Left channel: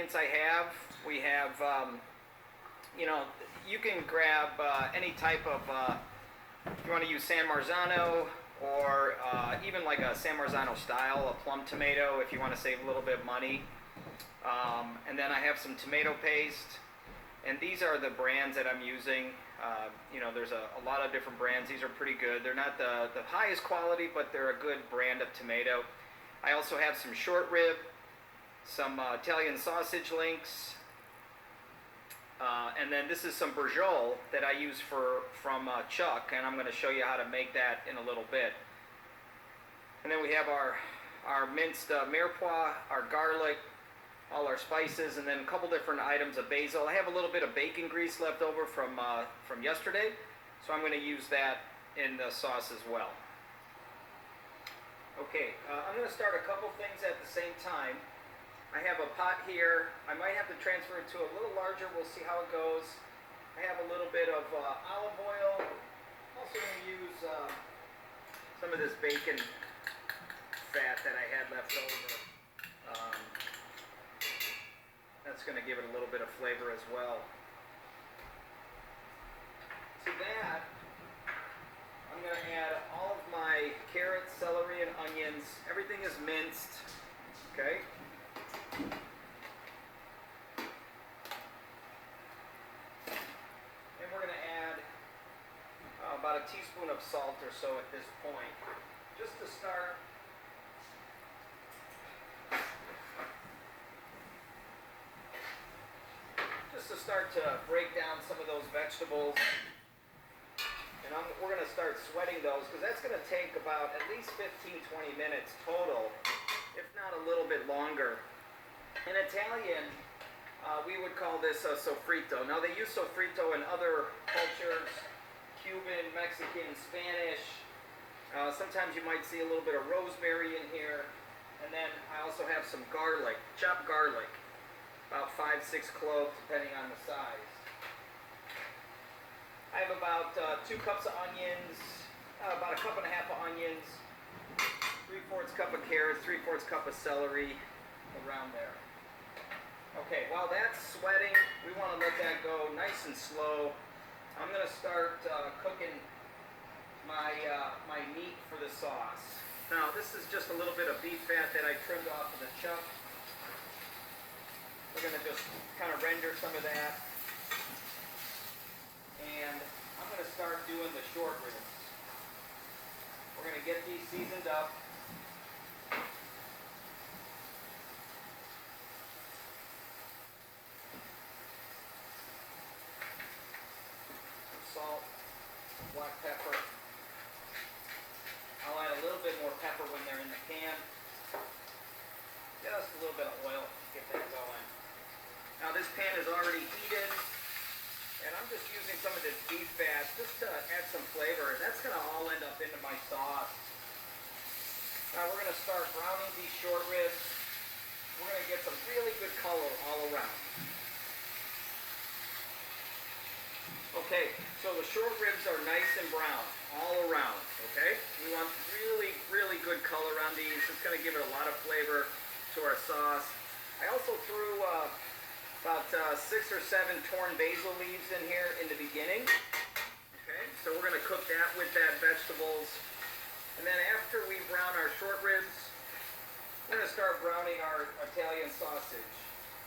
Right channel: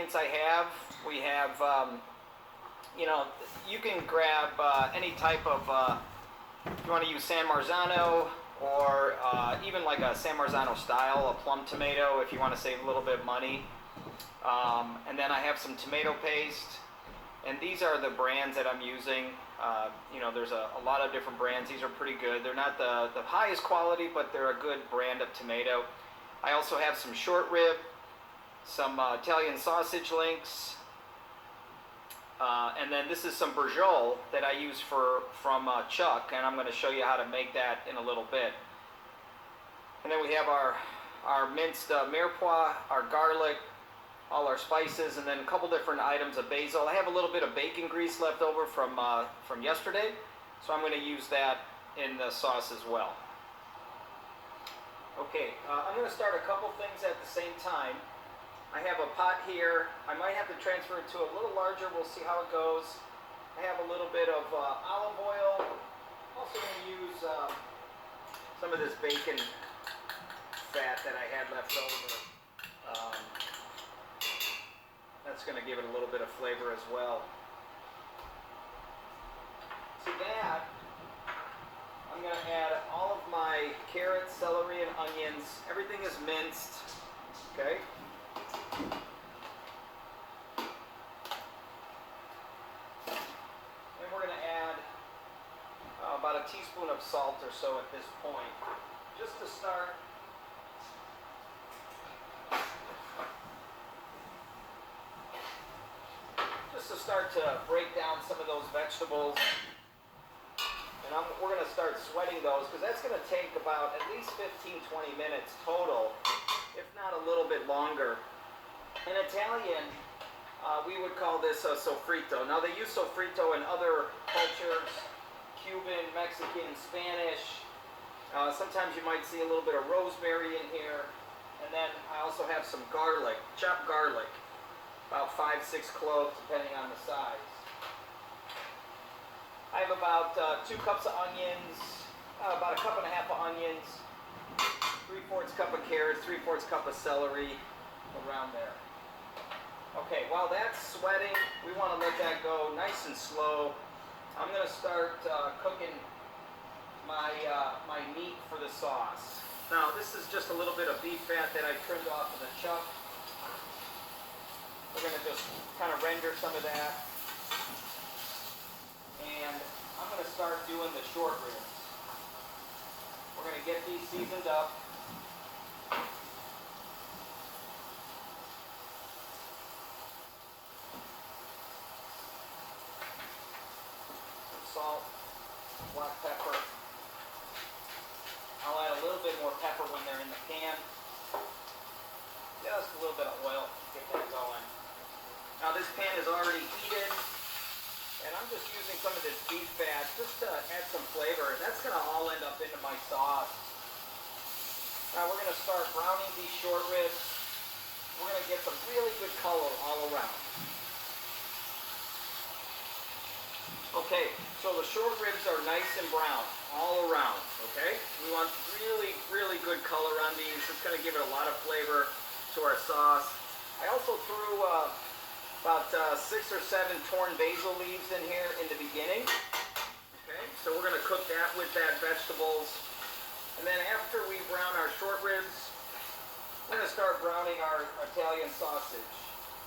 ingredients I have. We have, you know, you can grab any type of, if you want to use San Marzano or even like a San Marzano style, a plum tomato if you want to save a little bit of money. And then I have some tomato paste. And these are the brands that I'm using. You know, there's a lot of different brands. These are pretty good. They're not the highest quality, but they're a good brand of tomato. I also have some short rib, some Italian sausage links, and then this is some Braciole that I use from Chuck, and I'm going to show you how to make that in a little bit. And then we have our minced mirepoix, our garlic, all our spices, and then a couple different items of basil. I have a little bit of bacon grease left over from yesterday, so I'm going to use that in the sauce as well. Okay, I'm going to start a couple things at the same time. I have a pot here. I might have to transfer it to a little larger. We'll see how it goes. I have a little bit of olive oil. I'm also going to use some of this bacon fat that I had left over. That's going to give it a little bit of flavor as well. To that, I'm going to add all of my carrots, celery, and onions. Everything is minced. Okay? And we're going to add about a teaspoon of salt or so at this point, just to start. To break down some of those vegetables, and we're going to start sweating those because that's going to take about at least 15-20 minutes total, if not a little bit longer. In Italian, we would call this a sofrito. Now they use sofrito in other cultures, Cuban, Mexican, Spanish. Sometimes you might see a little bit of rosemary in here, and then I also have some garlic, chopped garlic. About 5-6 cloves, depending on the size. I have about 2 cups of onions, about a cup and a half of onions, 3/4 cup of carrots, 3/4 cup of celery, around there. Okay, while that's sweating, we want to let that go nice and slow. I'm going to start cooking my meat for the sauce. Now, this is just a little bit of beef fat that I trimmed off of the chuck. We're going to just kind of render some of that. And I'm going to start doing the short ribs. We're going to get these seasoned up. Some salt, black pepper. I'll add a little bit more pepper when they're in the can. Just a little bit of oil to get that going. Now this pan is already heated, and I'm just using some of this beef fat just to add some flavor. That's going to all end up into my sauce. Now we're going to start browning these short ribs. We're going to get some really good color all around. Okay, so the short ribs are nice and brown all around, okay? We want really, really good color on these. It's going to give it a lot of flavor to our sauce. I also threw about 6 or 7 torn basil leaves in here in the beginning. Okay, so we're going to cook that with that vegetables. And then after we brown our short ribs, we're going to start browning our Italian sausage.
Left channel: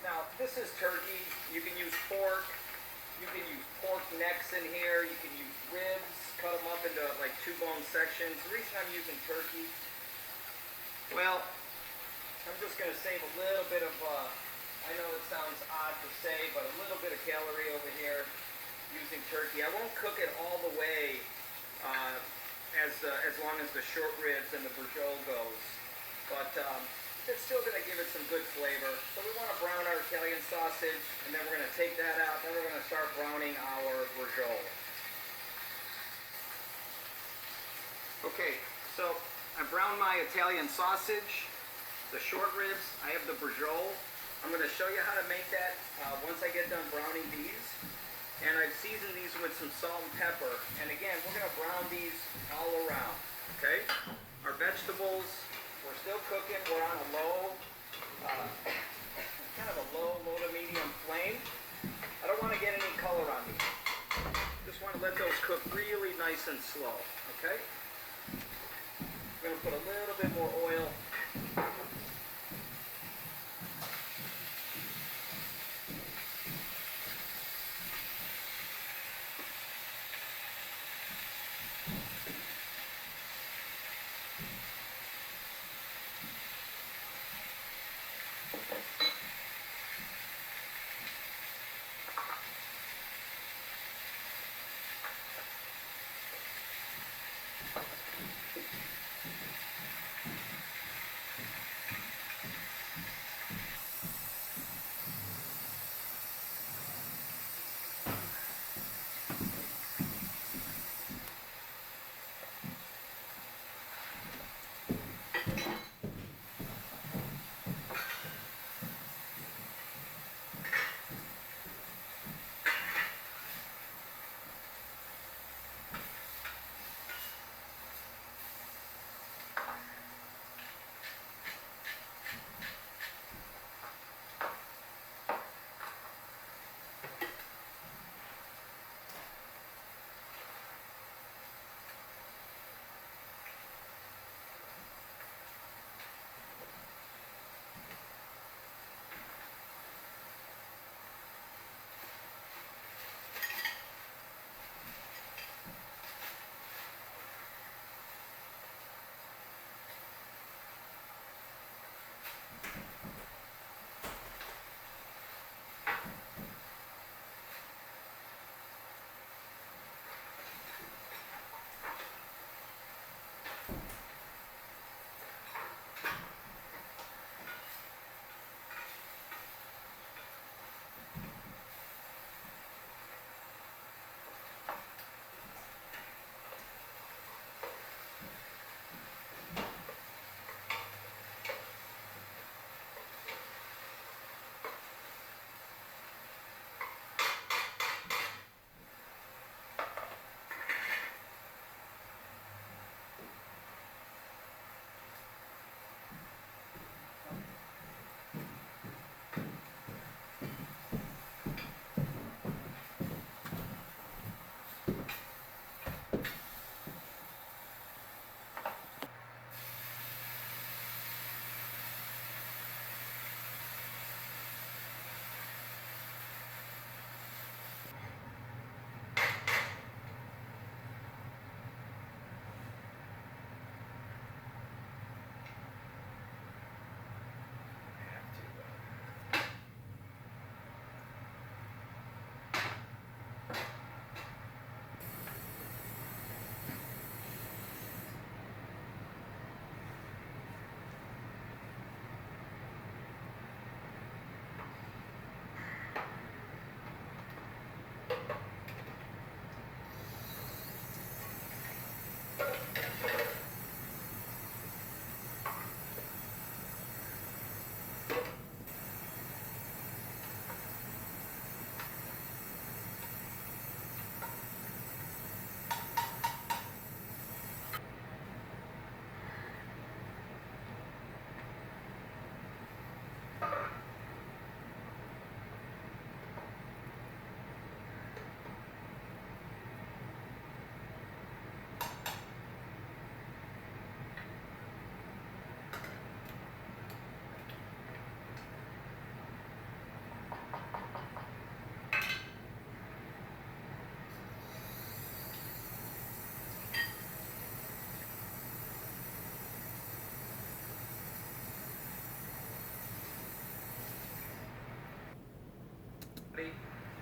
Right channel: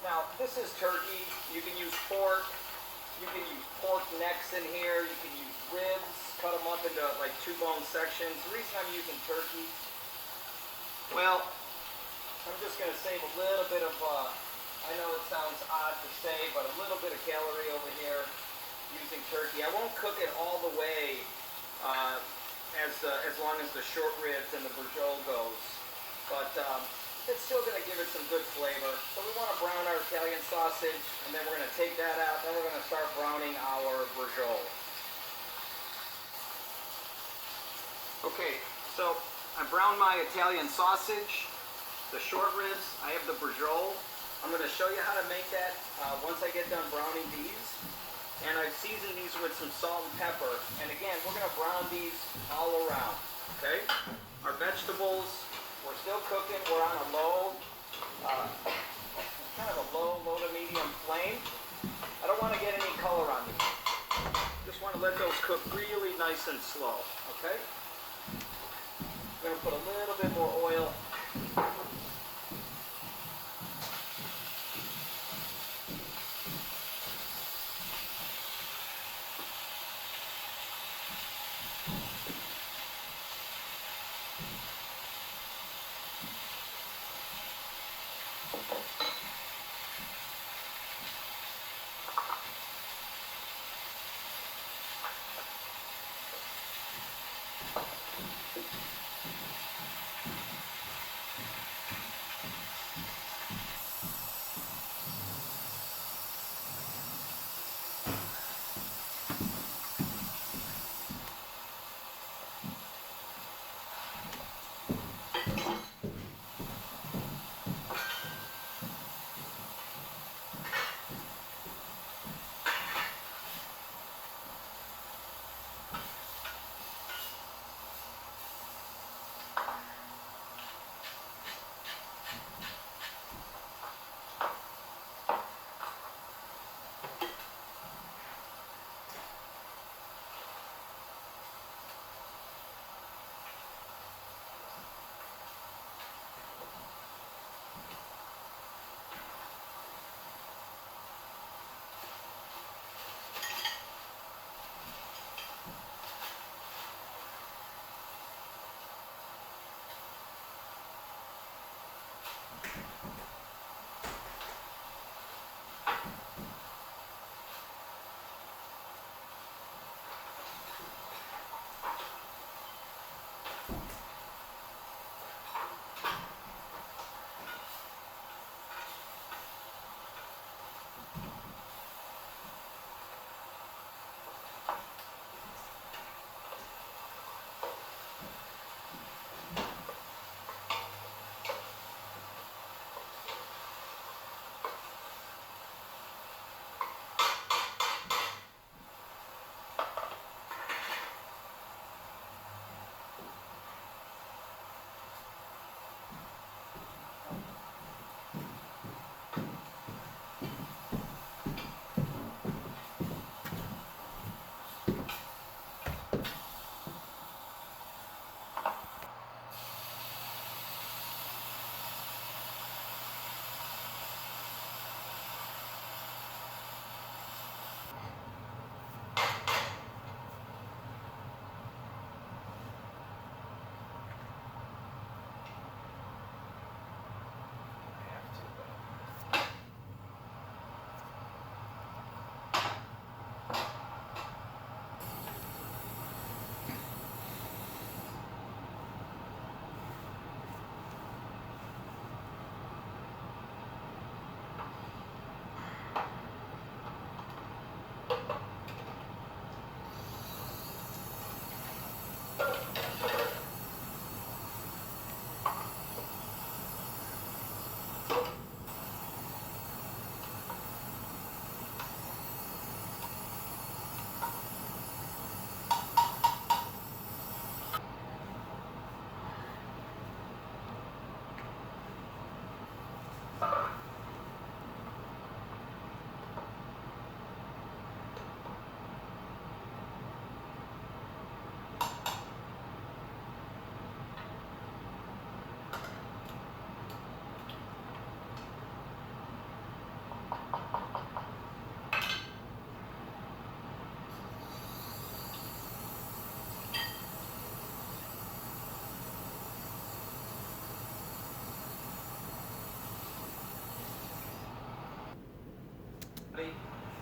Now, this is turkey. You can use pork. You can use pork necks in here. You can use ribs. Cut them up into like 2-bone sections. The reason I'm using turkey, well, I'm just going to save a little bit of, I know it sounds odd to say, but a little bit of calorie over here using turkey. I won't cook it all the way as long as the short ribs and the Braciole goes. But it's still going to give it some good flavor. So we want to brown our Italian sausage, and then we're going to take that out. Then we're going to start browning our Braciole. Okay, so I browned my Italian sausage, the short ribs. I have the Braciole. I'm going to show you how to make that once I get done browning these. And I've seasoned these with some salt and pepper. And again, we're going to brown these all around, okay? Our vegetables, we're still cooking. We're on a low, kind of a low cook really nice and slow, okay? I'm going to put a little bit more oil.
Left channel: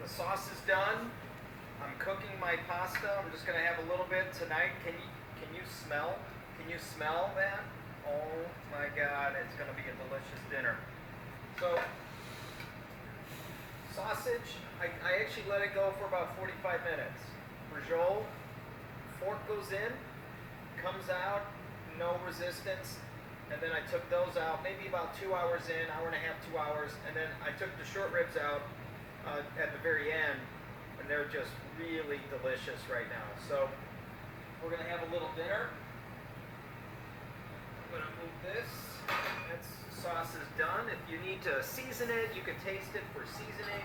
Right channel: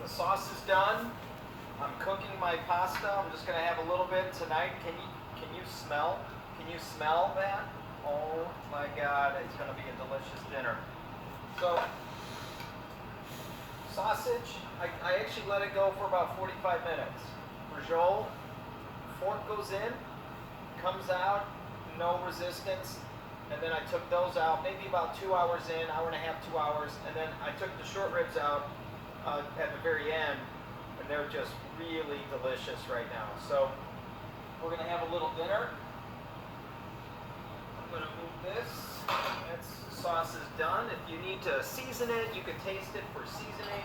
The sauce is done. I'm cooking my pasta. I'm just going to have a little bit tonight. Can you smell? Can you smell that? Oh my God, it's going to be a delicious dinner. So, sausage, I actually let it go for about 45 minutes. Braciole, fork goes in, comes out, no resistance. And then I took those out maybe about 2 hours in, hour and a half, 2 hours. And then I took the short ribs out at the very end, and they're just really delicious right now. So we're going to have a little dinner. I'm going to move this. The sauce is done. If you need to season it, you can taste it for seasoning.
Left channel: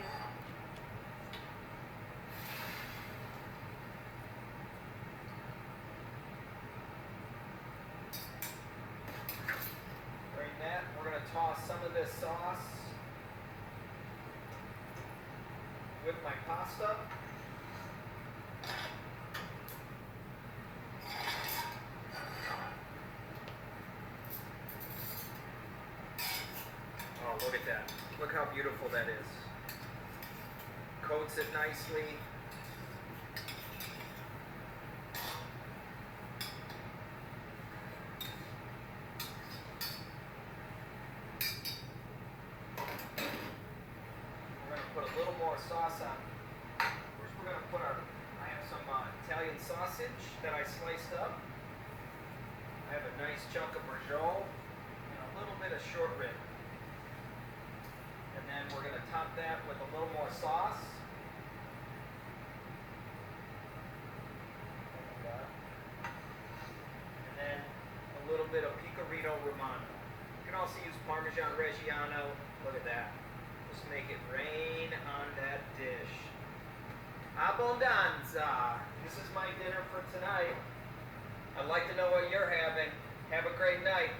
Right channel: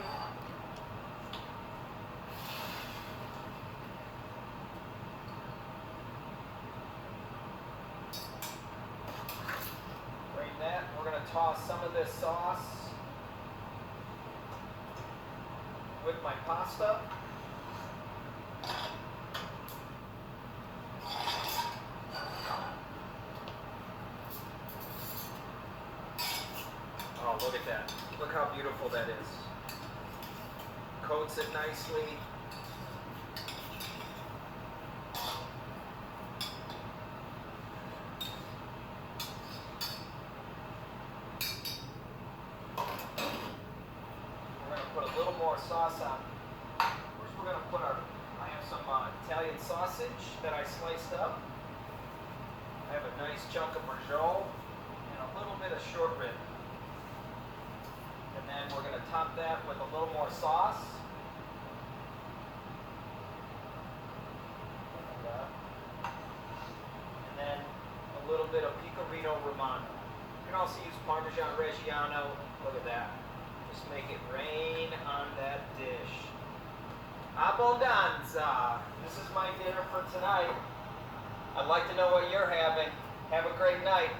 of sauce with my pasta. Oh, look at that. Look how beautiful that is. Coats it nicely. We're going to put a little more sauce on. First we're going to put I have some Italian sausage that I sliced up. I have a nice chunk of Braciole and a little bit of short rib. And then we're going to top that with a little more sauce. And then a little bit of Pecorino Romano. You can also use Parmesan Reggiano. Look at that. Just make it rain on that dish. Abbondanza. This is my dinner for tonight. I'd like to know what you're having. Have a great night.